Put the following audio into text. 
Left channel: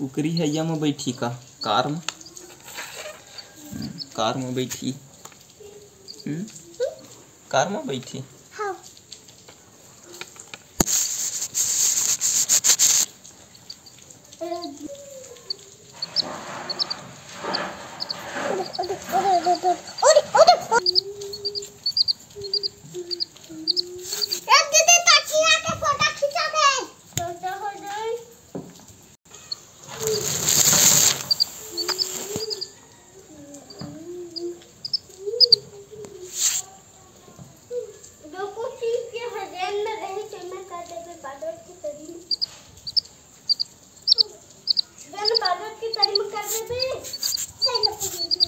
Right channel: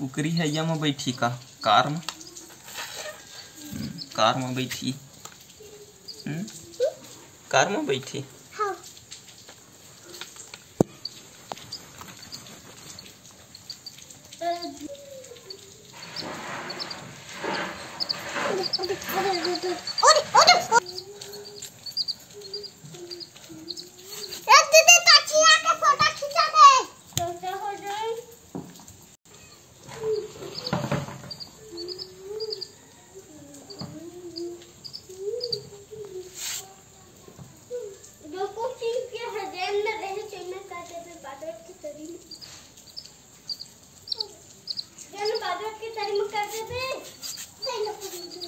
कुकरी हैया में बैठी का कार में बैठी कार में बैठी। हाँ। बादल की तारीफ कर दे।